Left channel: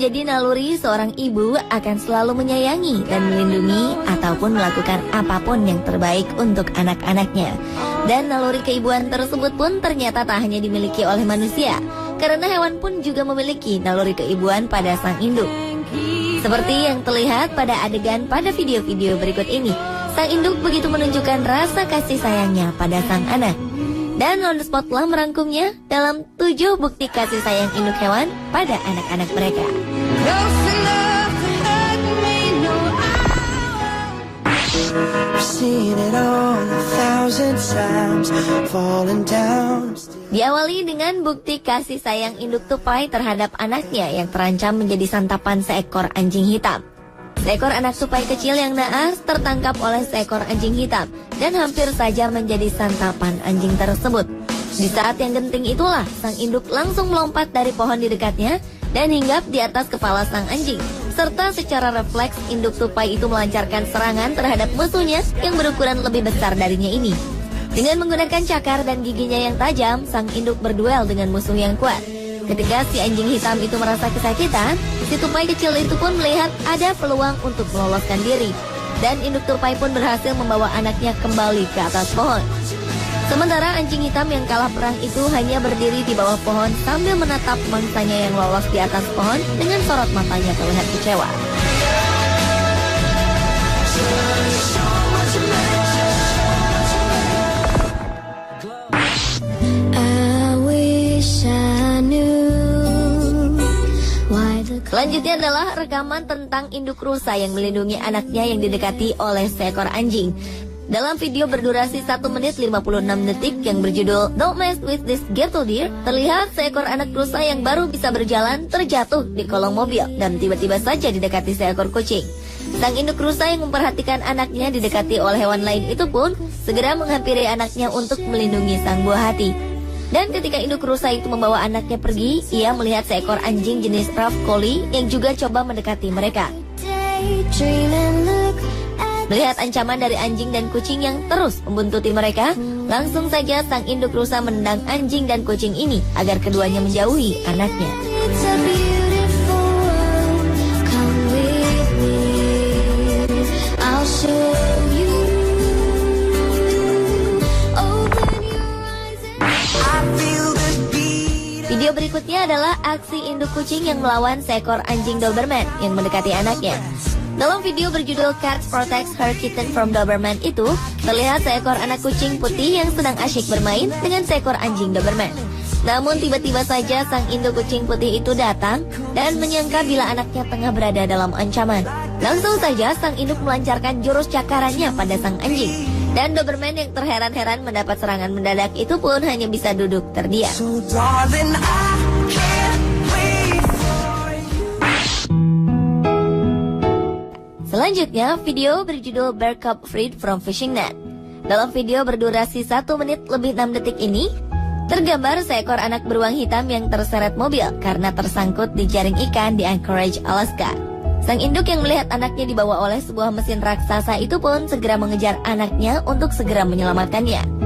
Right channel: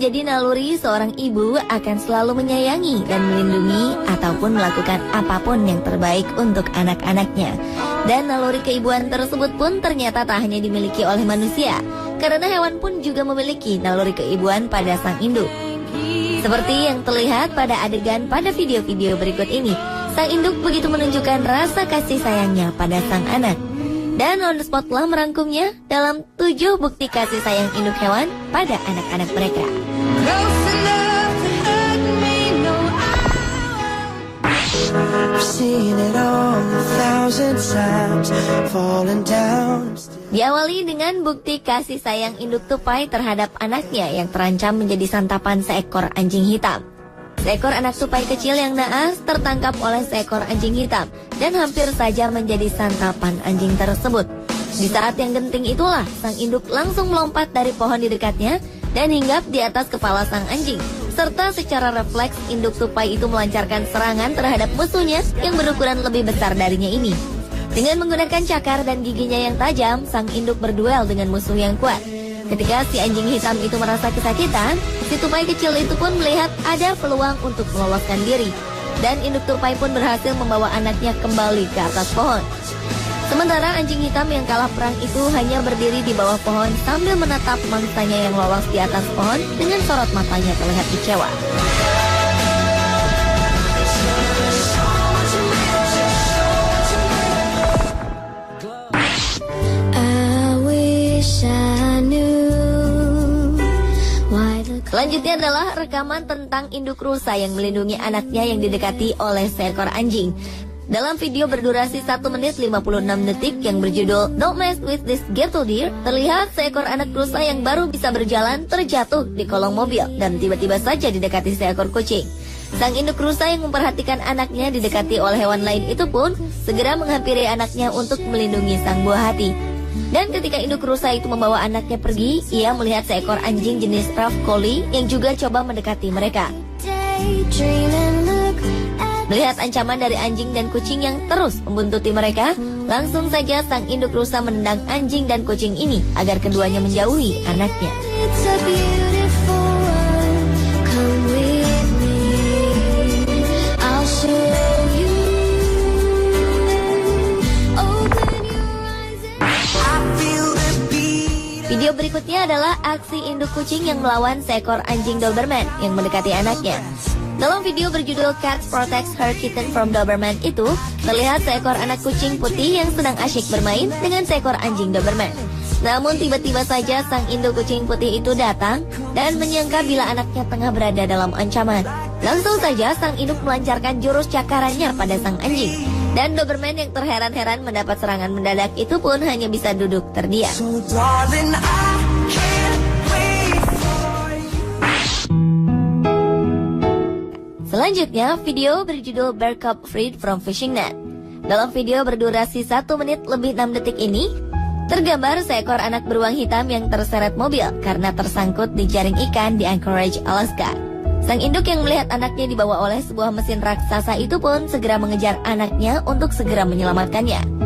menjadi naluri seorang ibu akan selalu menyayangi dan melindungi ataupun melakukan apapun yang terbaik untuk anak-anaknya. Dan naluri keibuan tersebut pun ternyata tak hanya dimiliki oleh manusia, karena hewan pun juga memiliki naluri keibuan pada sang induk. Seperti yang terlihat pada adegan pada video-video berikut ini, sang induk begitu menunjukkan rasa kasih sayangnya pada sang anak. Dan On The Spot telah merangkumnya dalam 7 bukti kasih sayang induk hewan pada anak-anak mereka. Diawali dengan bukti kasih sayang induk tupai terhadap anaknya yang terancam menjadi santapan seekor anjing hitam. Seekor anak tupai kecil yang naas tertangkap oleh seekor anjing hitam dan hampir saja menjadi santapan anjing tersebut. Di saat yang genting itulah, sang induk langsung melompat dari pohon di dekatnya dan hinggap di atas kepala sang anjing. Serta secara refleks, induk tupai itu melancarkan serangan terhadap musuhnya yang berukuran lebih besar darinya ini. Dengan menggunakan cakar dan giginya yang tajam, sang induk berduel dengan musuh yang kuat. Ketika si anjing hitam itu merasa kesakitan, si tupai kecil itu pun melihat ada peluang untuk meloloskan diri. Dan induk tupai pun berhasil membawa anaknya kembali ke atas pohon. Sementara anjing hitam yang kalah perang itu hanya berdiri di bawah pohon sambil menatap mangsanya yang lolos di atas pohon dengan sorot matanya terlihat kecewa. Selanjutnya adalah rekaman tentang induk rusa yang melindungi anaknya yang didekati oleh seekor anjing. Dalam video berdurasi 1 menit 56 detik yang berjudul Don't Mess With This Gentle Deer, terlihat seekor anak rusa yang baru bisa berjalan terjatuh di kolong mobil dan tiba-tiba saja didekati seekor kucing. Sang induk rusa yang memperhatikan anaknya didekati oleh hewan lain itu pun segera menghampiri anaknya untuk melindungi sang buah hati. Dan ketika induk rusa itu membawa anaknya pergi, ia melihat seekor anjing jenis Rough Collie yang juga coba mendekati mereka. Melihat ancaman dari anjing dan kucing yang terus membuntuti mereka, langsung saja sang induk rusa menendang anjing dan kucing ini agar keduanya menjauhi anaknya. Video berikutnya adalah aksi induk kucing yang melawan seekor anjing Doberman yang mendekati anaknya. Dalam video berjudul Cats Protects Her Kitten from Doberman itu, terlihat seekor anak kucing putih yang sedang asyik bermain dengan seekor anjing Doberman. Namun tiba-tiba saja sang induk kucing putih itu datang dan menyangka bila anaknya tengah berada dalam ancaman. Langsung saja sang induk melancarkan jurus cakarannya pada sang anjing. Dan Doberman yang terheran-heran mendapat serangan mendadak itu pun hanya bisa duduk terdiam. Selanjutnya, video berjudul Bear Cub Freed from Fishing Net. Dalam video berdurasi 1 menit lebih 6 detik ini, tergambar seekor anak beruang hitam yang terseret mobil karena tersangkut di jaring ikan di Anchorage, Alaska. Sang induk yang melihat anaknya dibawa oleh sebuah mesin raksasa itu pun segera mengejar anaknya untuk segera menyelamatkannya.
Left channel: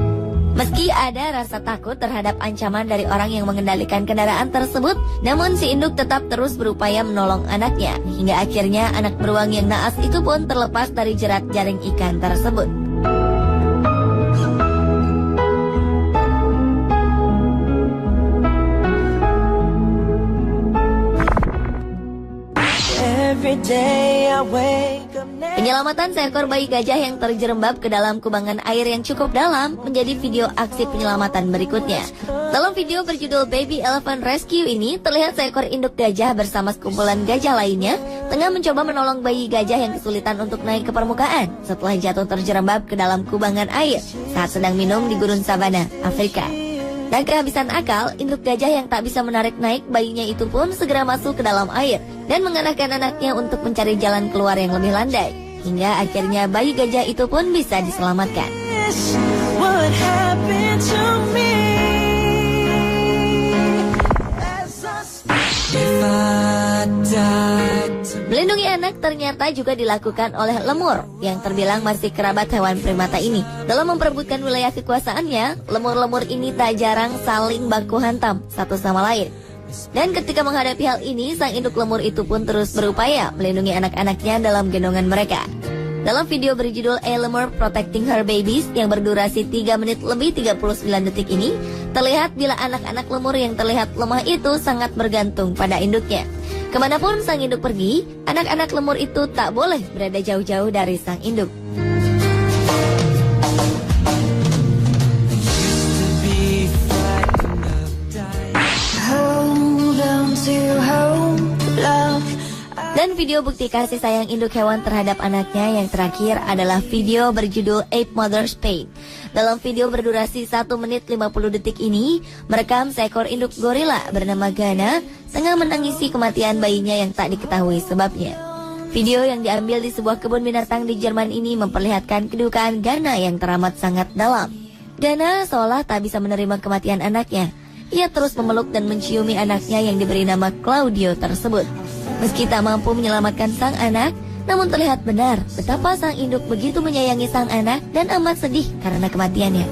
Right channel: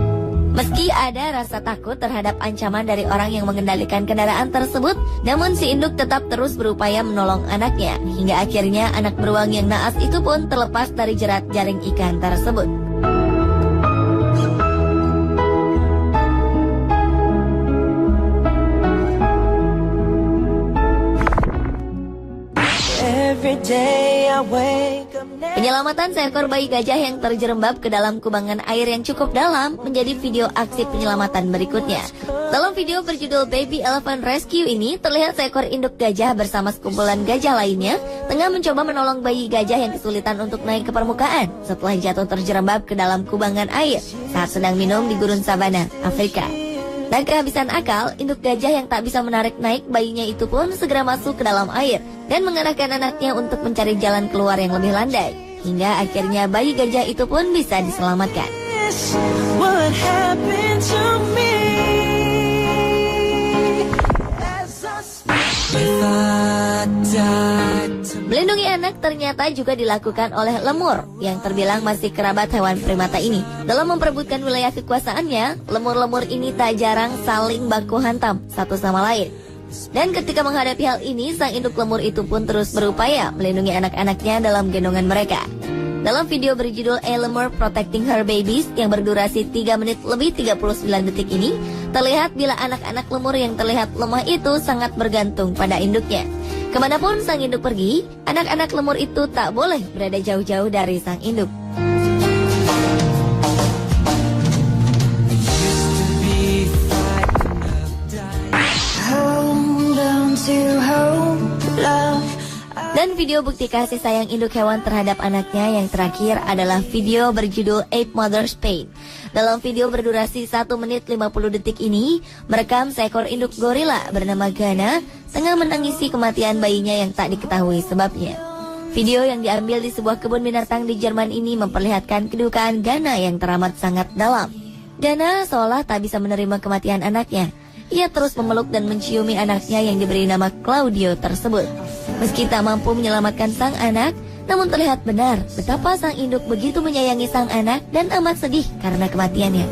Meski ada rasa takut terhadap ancaman dari orang yang mengendalikan kendaraan tersebut, namun si induk tetap terus berupaya menolong anaknya, hingga akhirnya anak beruang yang naas itu pun terlepas dari jerat jaring ikan tersebut. Penyelamatan seekor bayi gajah yang terjerembab ke dalam kubangan air yang cukup dalam menjadi video aksi penyelamatan berikutnya. Dalam video berjudul Baby Elephant Rescue ini, terlihat seekor induk gajah bersama sekumpulan gajah lainnya tengah mencoba menolong bayi gajah yang kesulitan untuk naik ke permukaan setelah jatuh terjerembab ke dalam kubangan air saat sedang minum di gurun savana, Afrika. Dan kehabisan akal, induk gajah yang tak bisa menarik naik bayinya itu pun segera masuk ke dalam air dan mengarahkan anaknya untuk mencari jalan keluar yang lebih landai. Hingga akhirnya bayi gajah itu pun bisa diselamatkan. Melindungi anak ternyata juga dilakukan oleh lemur yang terbilang masih kerabat hewan primata ini. Dalam memperebutkan wilayah kekuasaannya, lemur-lemur ini tak jarang saling baku hantam satu sama lain. Dan ketika menghadapi hal ini, sang induk lemur itu pun terus berupaya melindungi anak-anaknya dalam gendongan mereka. Dalam video berjudul A Lemur Protecting Her Babies yang berdurasi 3 menit lebih 39 detik ini, terlihat bila anak-anak lemur yang terlihat lemah itu sangat bergantung pada induknya. Kemanapun sang induk pergi, anak-anak lemur itu tak boleh berada jauh-jauh dari sang induk. Dan video bukti kasih sayang induk hewan terhadap anaknya yang terakhir adalah video berjudul Eight Mother's Pain. Dalam video berdurasi 1 menit 50 detik ini, merekam seekor induk gorila bernama Ghana tengah menangisi kematian bayinya yang tak diketahui sebabnya. Video yang diambil di sebuah kebun binatang di Jerman ini memperlihatkan kedukaan Ghana yang teramat sangat dalam. Ghana seolah tak bisa menerima kematian anaknya. Ia terus memeluk dan menciumi anaknya yang diberi nama Claudio tersebut. Meski tak mampu menyelamatkan sang anak, namun terlihat benar betapa sang induk begitu menyayangi sang anak dan amat sedih karena kematiannya.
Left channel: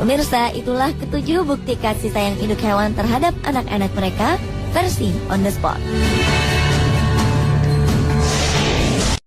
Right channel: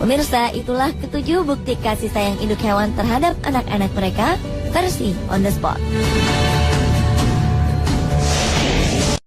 Pemirsa, itulah ketujuh bukti kasih sayang induk hewan terhadap anak-anak mereka versi On The Spot.